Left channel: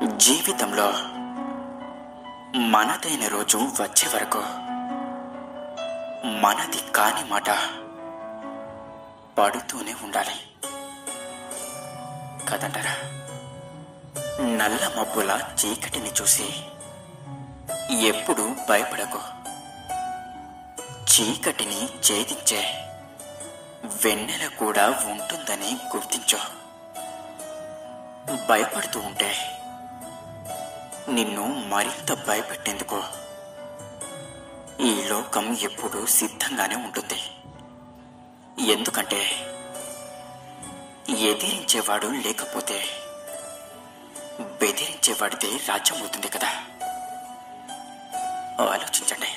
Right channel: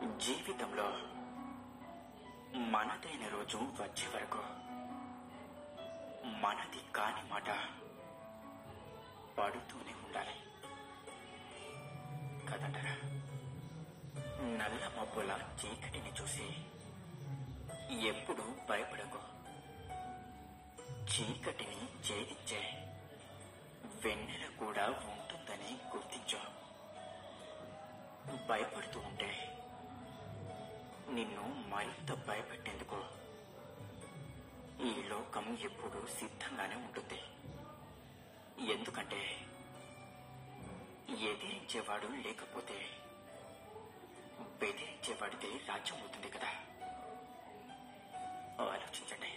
జీవితంలో మనదైన రోజు వచ్చే వరకు మనది కాని మాట పడుతూనే ఉండాలి కదంటారా. నల్ల మబ్బుల చీకటిని చూసి ఎప్పుడు భయపడకు. చీకటిని ఛేదించే వెన్నెల కూడా ఉంటుందని గుర్తించు. భయపడుతూ ఉంటే నిన్ను మరింత భయపెట్టేందుకు ఈ లోకం ఎప్పుడూ సిద్ధంగానే ఉంటుంది. ఎందుకంటే ఎదిరించేవాడు లేకపోతే బెదిరించేవాడిదే రాజ్యం అవుతుంది కదా. ఆలోచించండి,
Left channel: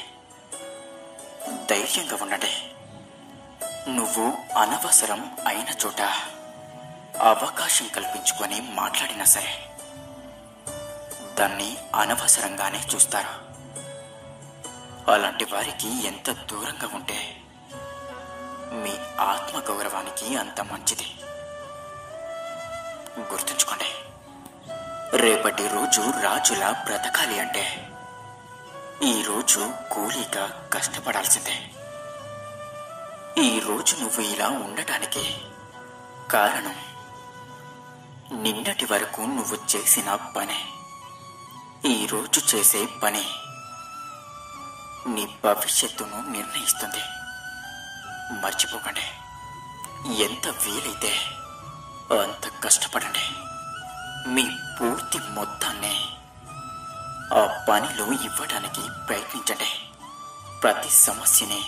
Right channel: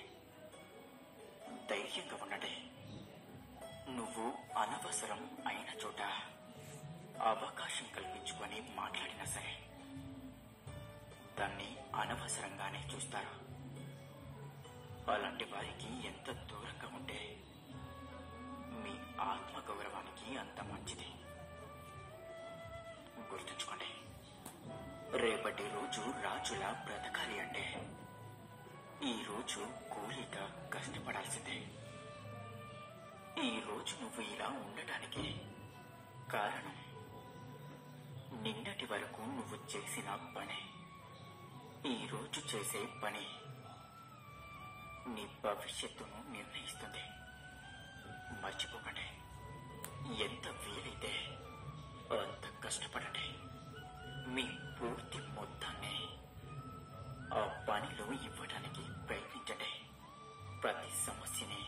ధైర్యంగా ఉండండి. నువ్వు అనవసరం అయిన చోట అవకాశం కల్పించుకొని మాట్లాడినా సరే దాన్ని అనవసరంగానే చూస్తారు. అలాంటి వారికి ఎంత దూరంగా ఉంటే మీ ఆత్మగౌరవానికి అంత మంచిది. గుర్తుంచుకోండి, రేపటి రోజు రాజులా బ్రతకాలి అంటే ఈరోజు కూలీగా కష్టపడాల్సిందే. ఈరోజు నువ్వు ఇలా ఉండటానికి కారణం నిన్నటి వరకు నువ్వు చేసిన పనే. ఈరోజు చేసే పని నీ భవిష్యత్తును నిర్ణయిస్తుంది. మర్చిపోకండి, ఎంత వీలైతే అంత కష్టపడండి. మీ పూర్తి మొత్తాన్ని ఆ పనిలో ఇవ్వడానికి ప్రయత్నించండి. ప్రతి సమస్యని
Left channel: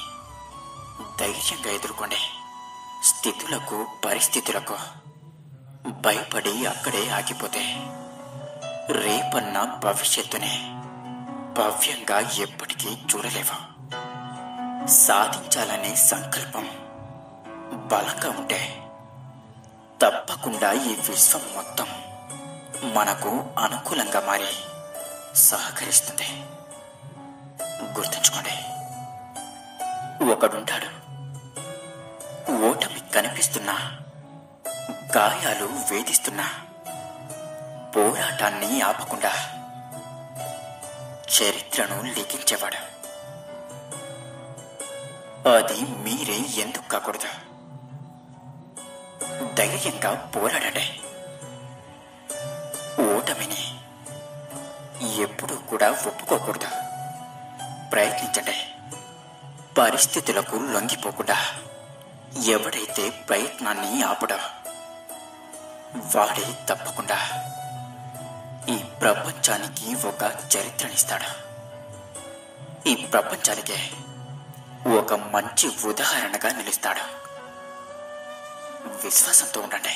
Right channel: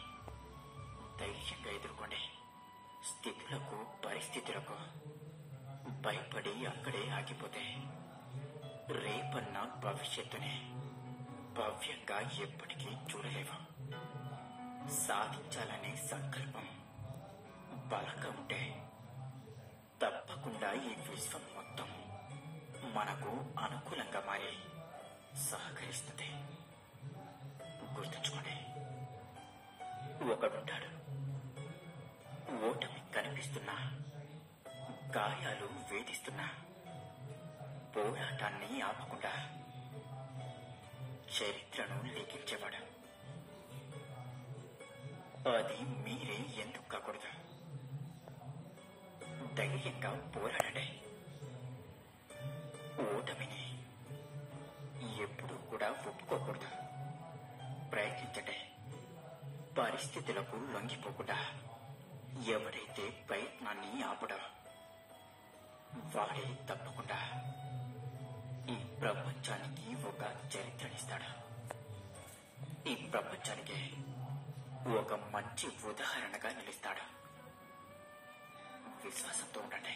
ధైర్యంగా ఎదుర్కోండి. స్థితులకు పరిస్థితులకు భయపడి అక్కడే ఆగిపోతే రేపన్న భవిష్యత్తుని భవ్యంగా ఎప్పటికీ చూడలేవు. సాధించాలనే సంకల్పం బలంగా ఉంటే తప్పకుండా ఈ విశ్వం మొత్తం మనకు అనుకూలంగా మారి సహకరిస్తుంది. గుర్తుంచుకోండి, ఒకడుంటాడు, ఓటమి కనిపిస్తున్నా, గాయాలు వేధిస్తున్నా పోరాటాన్ని ఆపకుండా చరిత్రను లిఖించేవాడు. అది మీరే ఎందుకు కాకూడదు? ధైర్యంగా పోరాడండి. ఓటమిని ఎప్పుడూ కూడా ఒప్పుకోకూడదు. ప్రయత్నించండి. పరిస్థితులకు లొంగిపోకుండా ఎవడైతే ప్రయత్నాన్ని ఆపడో వాడే తప్పకుండా ఈ ప్రపంచానికి ఒక చరిత్రనిస్తాడు. ఈ ప్రపంచానికే ఒక మంచి ఉదాహరణగా నిలుస్తాడు. విశ్వాసంతో ఉండండి.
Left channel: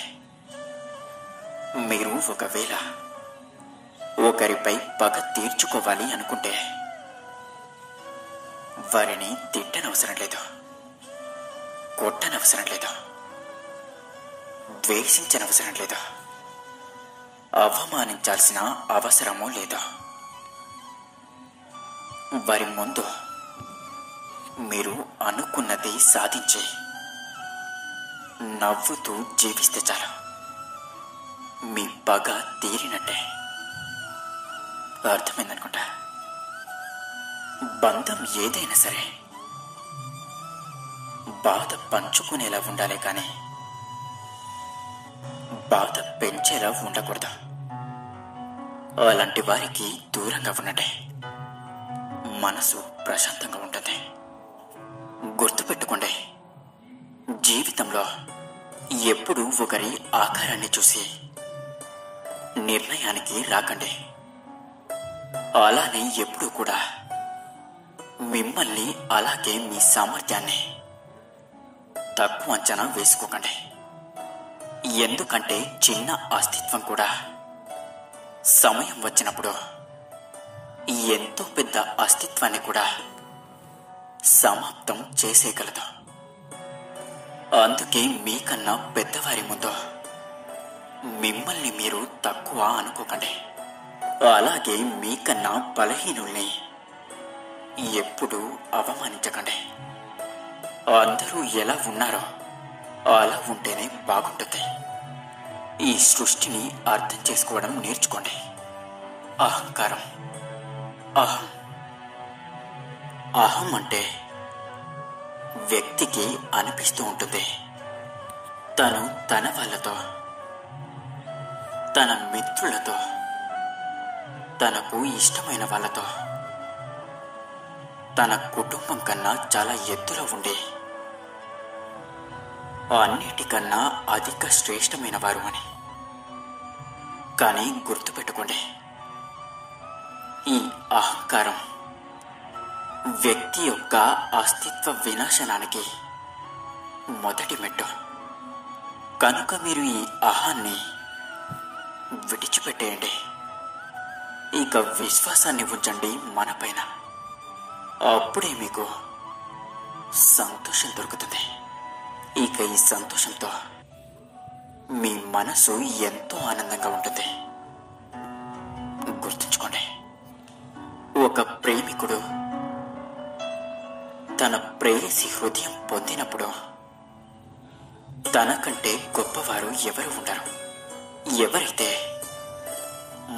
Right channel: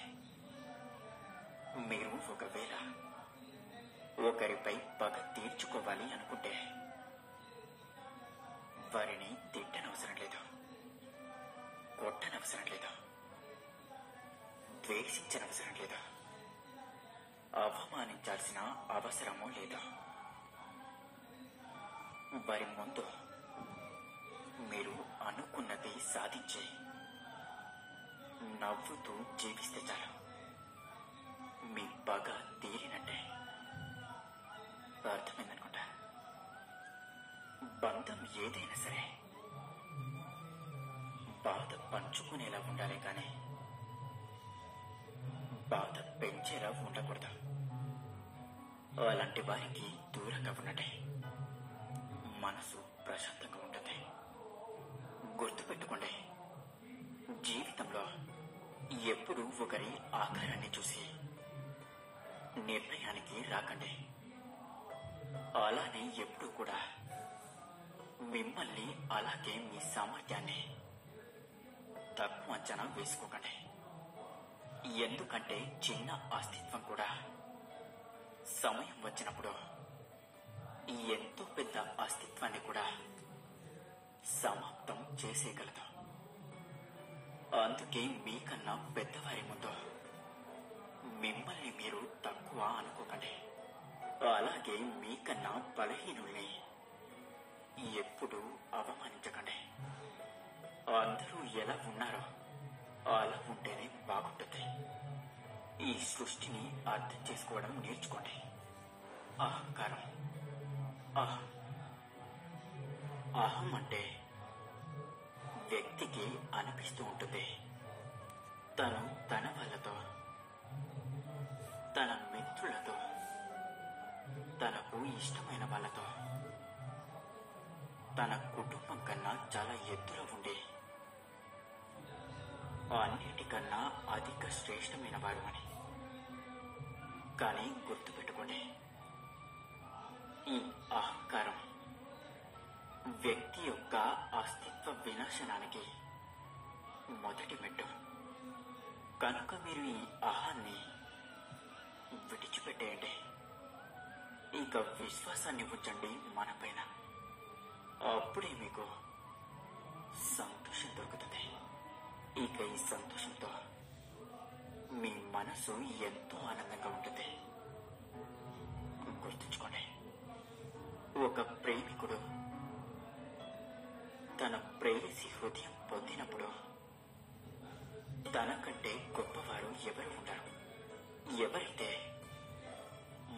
మీరు ఒకవేళ ఒకరిపై పగ తీర్చుకోవాలి అనుకుంటే వారిని తిట్టనవసరం లేదు, కొట్టనవసరం లేదు, ద్వేషించనవసరం లేదు, అవమానించాల్సిన అవసరమూ లేదు. వారి ముందు మీరు అనుకున్నది సాధించి నవ్వుతూ జీవిస్తే చాలు. మీ పగ తీరినట్టే. అర్థమైందనుకుంటా. బంధం ఏదైనా సరే బాధ పంచుకునేలా ఉండాలి, కానీ బాధ పెంచేలా ఉండకూడదు. అలాంటి వారికి దూరంగా ఉండండి. మనసు ప్రశాంతంగా ఉంటుంది. గుర్తుపెట్టుకోండి, జీవితంలో ఎప్పుడూ ఒకరి ఆకారాన్ని చూసి నిర్ణయానికి రాకండి. అలానే ఎప్పుడూ కూడా మిమ్మల్ని, అలాగే మీ సామర్థ్యాన్ని తక్కువ అంచనా వేసుకోకండి. ఎందుకంటే చిన్న అస్తిత్వం కూడా సమయం వచ్చినప్పుడు ఎంతో పెద్ద అస్తిత్వాన్ని కూడా సమాప్తం చేసేయగలదు. అందుకే మీకన్నా పెద్దవారి ముందు మిమ్మల్ని మీరు తక్కువ అనుకోకండి. అలాగే మీకన్నా బలహీనుల్ని ఎప్పుడూ అవమానించకండి. అందరూ ఎలా ఉన్నారో అలా ఉంటేనే బాగుంటుంది. ఈ సృష్టిని అర్థం చేసుకోవడం నేర్చుకోండి. అహంకారం. అహం అహం అంటే వ్యక్తికి అనిపిస్తూ ఉంటుంది, తను తన వాళ్ళతో, తన మిత్రులతో, తనకు ఇష్టమైన వాళ్ళతో, తన కుటుంబం కన్నా చాలా ఎత్తులో ఉండి అన్నిటికన్నా అధిక శ్రేష్టమైన వారు అని. కానీ గుర్తుపెట్టుకోండి, ఈ అహంకారం వ్యక్తి యొక్క అస్తిత్వ వినాశనానికి మొదటి మెట్టు. కనుక మీరు ఈ అహాన్ని విడిచిపెట్టేయండి. ఇక విశ్వాసాన్ని ఉంచండి మనపైన. అప్పుడే మీకు సంతోషం దొరుకుతుంది. ఇక ఈ సంతోషంతో మీ మనసు ఎంతో ఆనందంగా ఉంటుంది. గుర్తుంచుకోండి, ఒక ప్రేమికుడు తన ప్రేయసి హృదయం పొందినప్పుడు తనకంటే గొప్పవారు ఎవరు ఉండరు. ఎవరైతే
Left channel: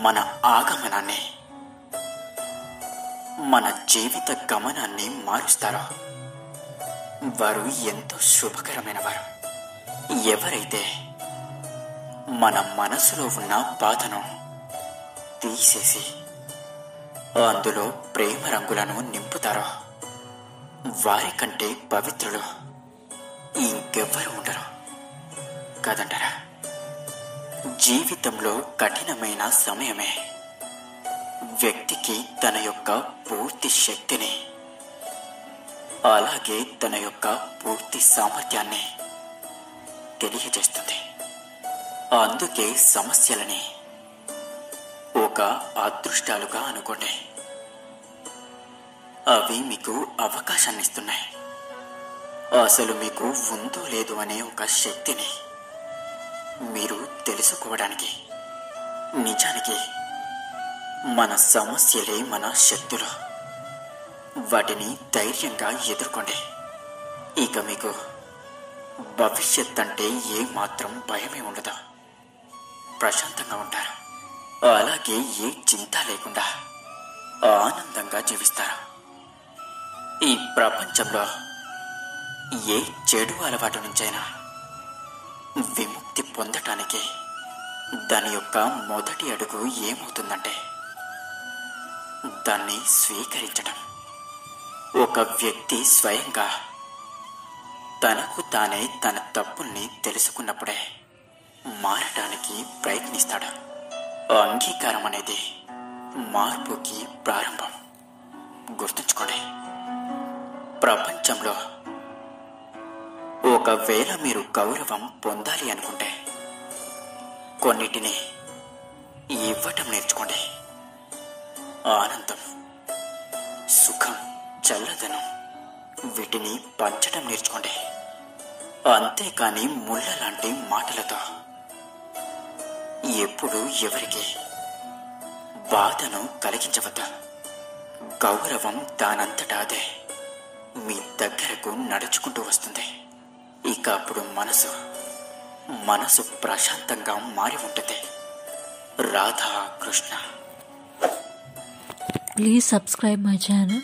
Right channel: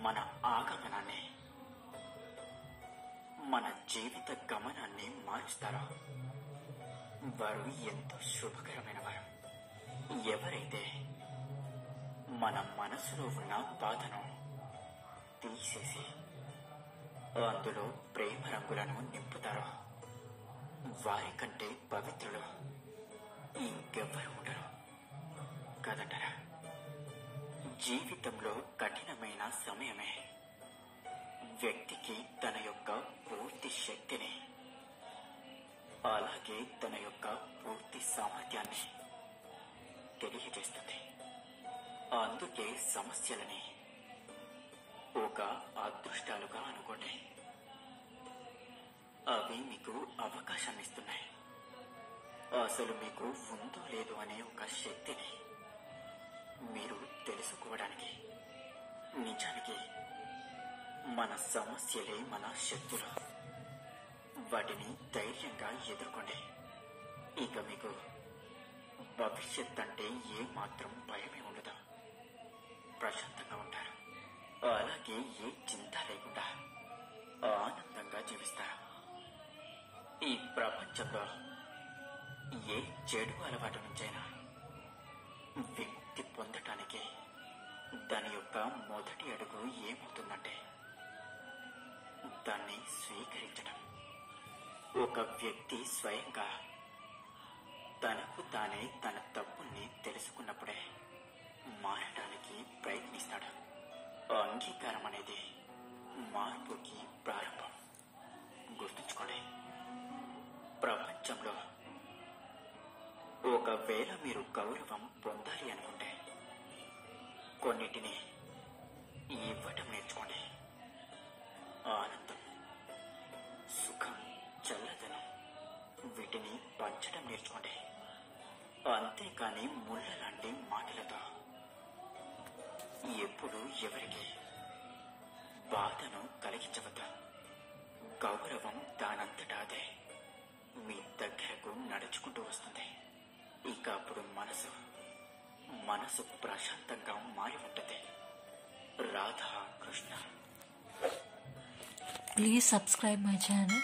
మన ఆగమనాన్ని, మన జీవిత గమనాన్ని మారుస్తారో వారు ఎంతో శుభకరమైన వారు. ఎవరైతే మన మనసులో ఉన్న బాధను తీసేసి అందులో ప్రేమ రంగులను నింపుతారో వారికంటే పవిత్రులు ఇంకెవ్వరు ఉండరు కాదంటారా? జీవితంలో కఠినమైన సమయమే వ్యక్తికి తన యొక్క పూర్తి శక్తిని, అలాగే తన యొక్క పూర్తి సామర్థ్యాన్ని తెలియజేస్తుంది. అందుకే సమస్యలని ఒక అదృష్టాలుగా అనుకోండి. అవి మీకు అవకాశాన్ని ఇస్తున్నాయి. అసలు మీకు ఉందో లేదు అనే ఒక శక్తిని మీరు తెలుసుకోవడానికి. నిజానికి మన సమస్యలే మన శక్తులు. వాటిని ధైర్యంగా ఎదుర్కోండి. ఇక మీకు భవిష్యత్ అంటే ఏ మాత్రం భయమే ఉండదు. ప్రశాంతంగా ఉంటారు. అలాగే ఏ చింత లేకుండా ఆనందంగా జీవిస్తారు. ఈ ప్రపంచంలో ఏ చెడు అలవాటు నుంచైనా విముక్తి పొందటానికి దాని యొక్క మొదటి అడుగు ఏమవుతుందంటే దాన్ని స్వీకరించడం. ఒక వ్యక్తి స్వయంగా తనకు తానే తన తప్పుల్ని తెలుసుకున్నప్పుడే మారటానికి ప్రయత్నిస్తాడు. అంగీకారం అనేది మార్పుకి ప్రారంభం. గుర్తుంచుకోండి, ప్రపంచంలో ఒకవేళ మీరు గౌరవం పొందాలి అనుకుంటే కొన్నిటిని ఇవ్వటం నేర్చుకోండి. ఆనందం, సుఖం, చల్లదనం వీటిని పంచడం నేర్చుకోండి. అంతేకాని ముళ్ళ లాంటి మాటలతో ఎప్పుడు ఎవరికి బాధను కలిగించవద్దు. గౌరవం దానంతటా అదే మీ దగ్గరకు నడుచుకుంటూ వస్తుంది. ఇక అప్పుడు మనసు ప్రశాంతంగా మారి ఉంటుంది. Radha Krishna. Please subscribe my channel.